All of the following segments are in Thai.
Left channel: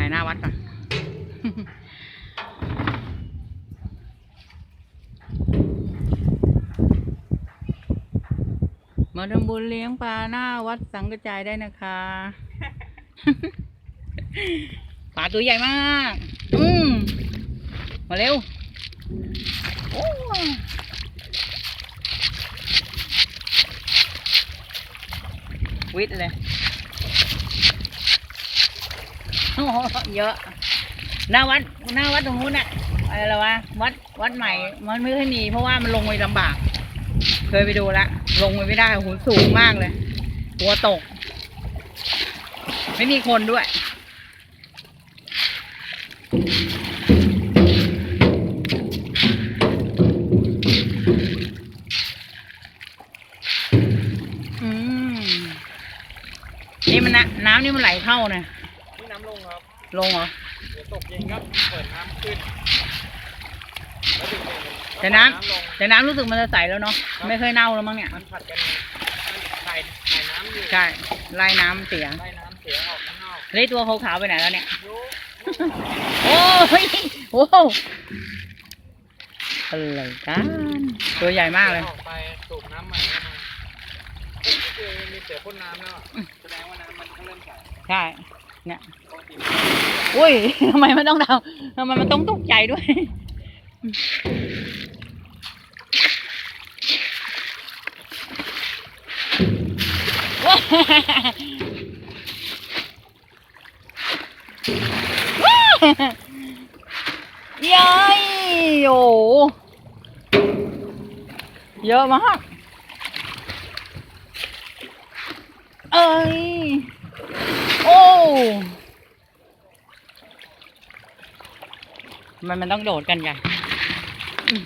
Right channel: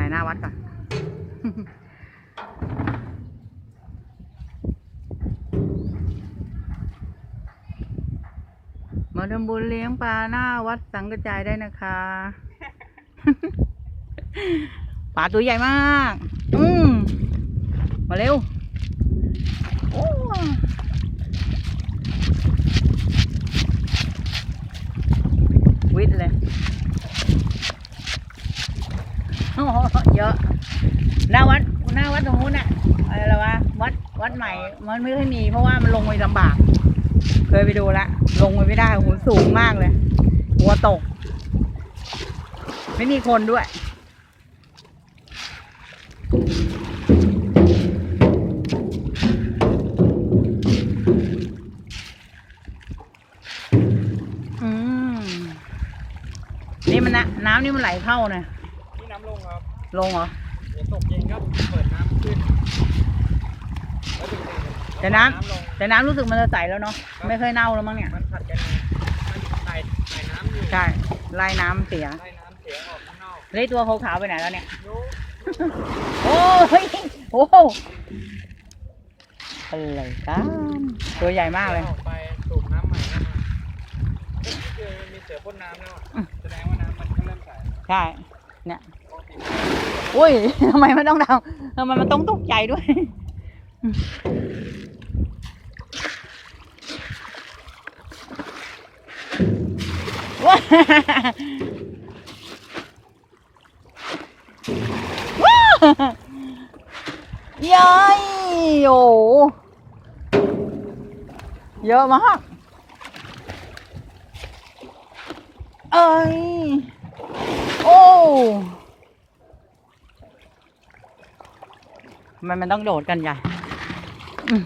ถ่ายหน้าวัดก่อน มาทำบุญเลี้ยงปลาหน้าวัดสังกระจายได้นะคะ ปลาตัวใหญ่มาก อืมมาเร็วโอ้วิทย์เลย เยอะหน้าวัดหน้าวัดตรงนู้นน่ะอะไรละวะวัดวัดใหม่มันไม่ค่อยมี เพราะว่ามันลงไปลำบาก เคยไปดูละลงไปไม่ได้โหสูงมากเลย หัวตก ไม่มีคนด้วยอืมนี่มันนะน้ำนี่มันไหลเข้านะนี่น้ำ ลงครับลงเหรอเดี๋ยวตกเย็นครับเปิดน้ำขึ้นแล้วดึงไปเลยแต่น้ำลงแต่น้ำรู้สึกมันจะใสแล้วเนาะไม่เคยเน่าแล้วมั้งเนี่ยมันผัดกันไงมันถ่ายถ่ายน้ำอยู่ใช่ไล่น้ำเสียไล่น้ำเสียออกข้างนอกเลยตัวขาวๆไปไหนแล้วเนี่ยยุโอ้ยโอ้โหอะไรกันตัวใหญ่มากเลยออกไปสูบน้ำใหม่เข้ามาเอ๊ะเจอมีเสียพ่นน้ำแล้วแสดงว่าน้ำมันเริ่มใสใช่เนี่ย อุ้ยทำไมมันต้องทำทำไมมันต้องตกใจด้วย ว้าว้ายายโอ้เยอะมาก เอ้ย โอ้ มันมันต้องโดดกันใหญ่อืม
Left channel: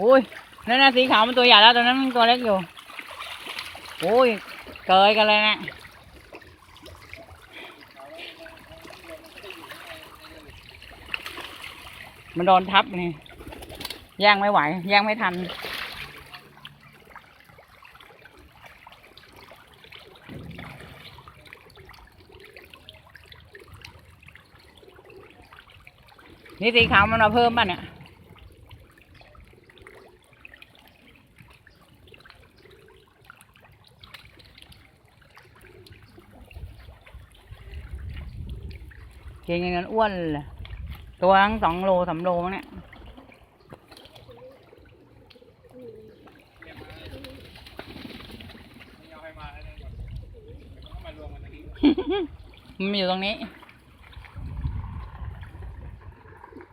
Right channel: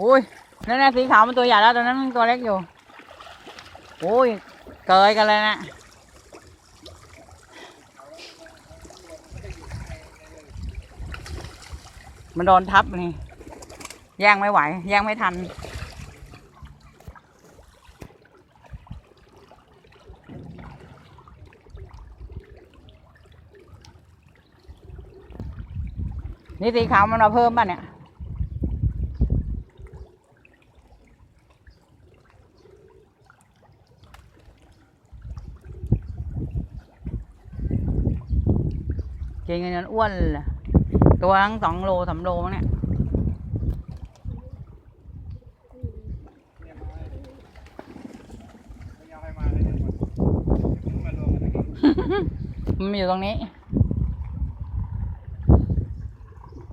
วู้โอ้ยนั่นน่ะสีขาวมันตัวใหญ่แล้วตัวนั้นมันตัวเล็กอยู่โอ้ยเกยกันเลยนะมันโดนทับนี่แย่งไม่ไหว แย่งไม่ทัน นี่สีขาวมันมาเพิ่มป่ะเนี่ยกินกันจนอ้วนเลยตัวทั้งสองโลสามโลมั้งเนี่ยไม่เอาให้มาแล้วเนี่ยหมดต้องมารวมกันตรงนี้มันอยู่ตรงนี้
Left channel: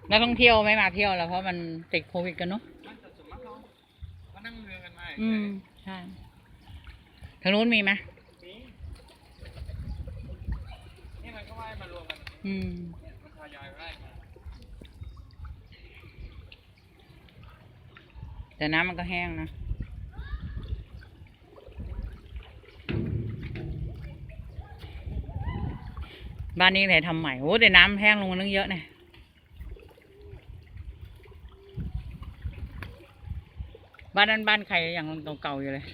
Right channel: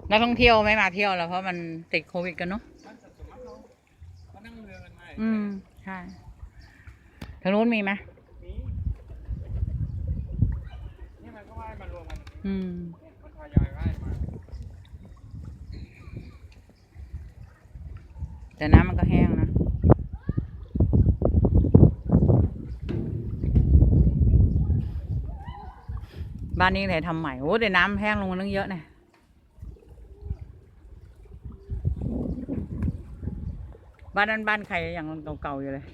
นักท่องเที่ยวไม่มาเที่ยวแล้วเพราะมันติดโควิดกันเนาะนั่นสัดส่วนมากเขาเขานั่งเรือกันมาอืมใช่ทางนู้นมีไหมนี่นี่มันก็ว่ายมารวมกันอืมเนี่ยมันทยอยว่ายมาแต่น้ำมันก็แห้งนะบ้านนี้ไหนทำใหม่โอ้แต่น้ำแห้งลงมาตั้งเยอะเนี่ย บ้านนั้นบ้านใครอย่างเก่าๆอยู่เลย